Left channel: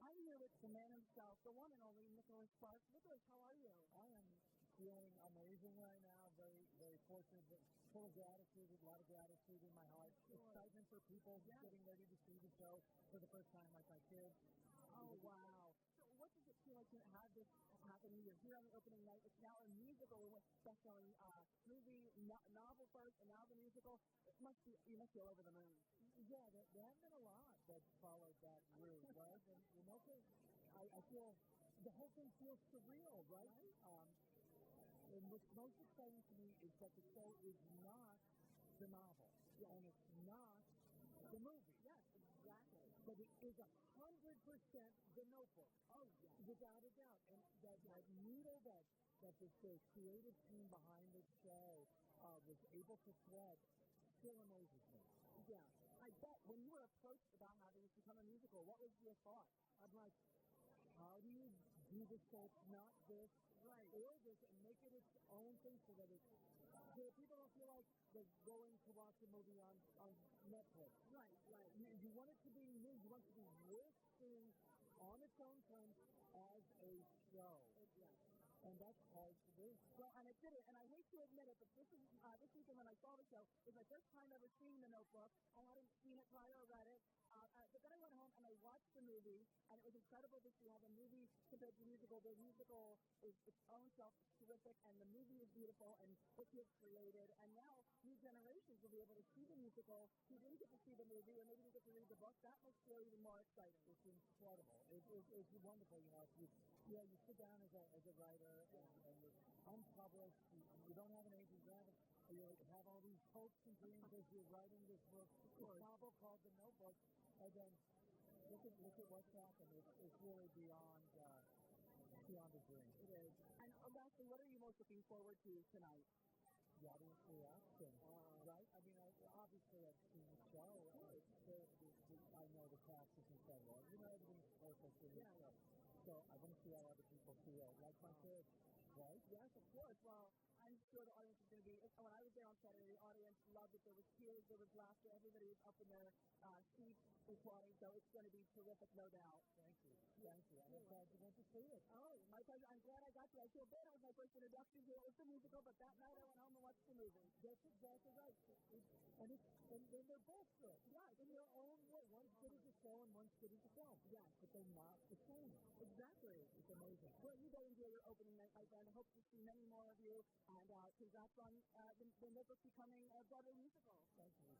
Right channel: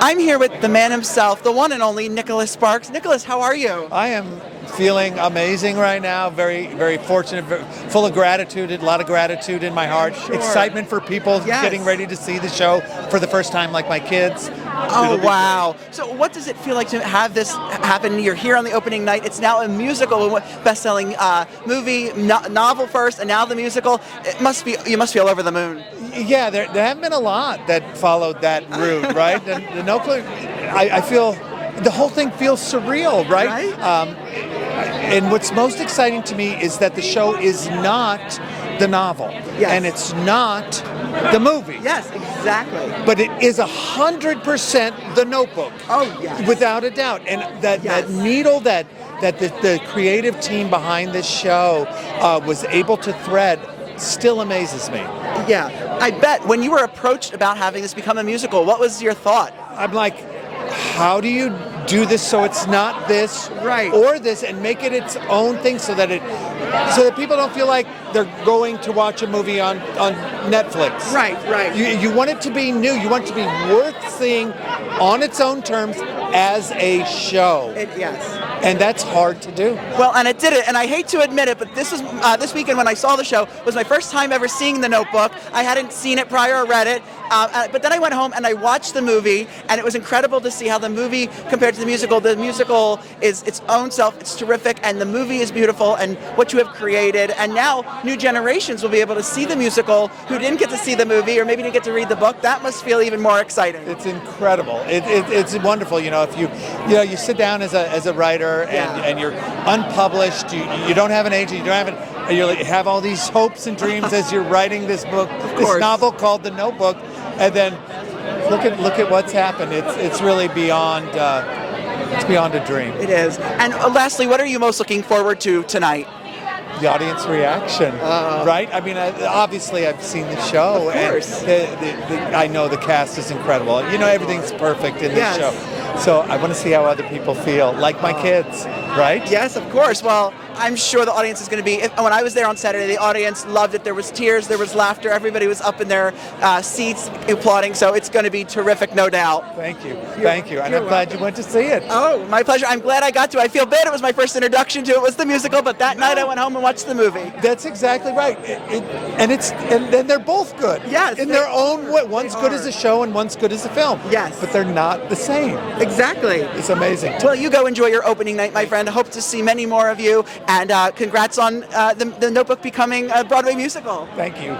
I'm here with the man himself, the one and only Nicholas Sparks. Nicholas, how are you? I am feeling amazing right now. Very, very fortunate, full of gratitude, a lot of gratitude in my heart. Sure. Excitement for people getting ready to see the show for the first time, like my kids. Oh, wow. So what does it feel like to have this happen? You're here on the opening night. It's now a musical, best-selling movie, novel first, and now the musical. You must be all over the moon. Yeah, there haven't been a lot that followed that route, right? The Notebook, I feel, the whole thing feels surreal, right? And what's most exciting to me is that the show is not the novel, and it's not the movie. Yes, exactly. But it is 100% the Notebook. Oh, yes. Without a doubt. And that needle that the creative team behind this show was able to thread still amazes me. Yeah, I bet when you were approached about having this become a musical, what was your thought? I'm like, how do you do this so it's not this or this, and make it its own thing so that people don't feel like they're going to watch a movie on Netflix. Right. You want it to be new. You want it to be worth seeing on its own terms as a show. Yes. And that's hard to do. Well, and it did it, and I hate to admit it, but this weekend when I saw the show was my first time ever seeing The Notebook. I hadn't seen it prior or read it, but then I went home and I watched the movie, and it was incredible to see how the movie compared to the musical is its own self. It's terrific, and the movie is beautiful, and what you have created, and now new generations will be able to see the musical who didn't get to see the movie or maybe didn't get to read the book. That must feel even more exciting. It's incredible. It's wonderful. If you sit down as a writer and you're unpublished, you don't have an agent, you have all these hopes and dreams as you're writing this book, this novel called The Notebook, and then look at what's happened. It's really beyond. It's beyond a dream. It is. And lastly, what are you most looking forward to tonight? The audience reaction, right? I mean, obviously I've seen the show, of course. And I know the cast is incredible. Everything's perfect in this show. So I want to see how other people feel, like my kids, right? Yes, of course. Well, I'm sure the audience is going to be, when I was there on Saturday, the audience loved it. There was tears, there was laughter, everybody was up in their seats applauding, so it's going to be terrific, no doubt. Thank you. And I'm glad you went to see it. Oh, my pleasure. I'm glad I got to. I feel bad it was my first introduction to it, was the musical, but that night I went home and watched the movie. That's exactly right. And they're both good. Yes. In their own way. One's good as a show and one's good as a film. Yes. But they're not the same. Exactly. It's amazing. Well, you go enjoy your opening night, my friend. I hope to see many more of you, and congrats on the Notebook becoming a Broadway musical. Thank you.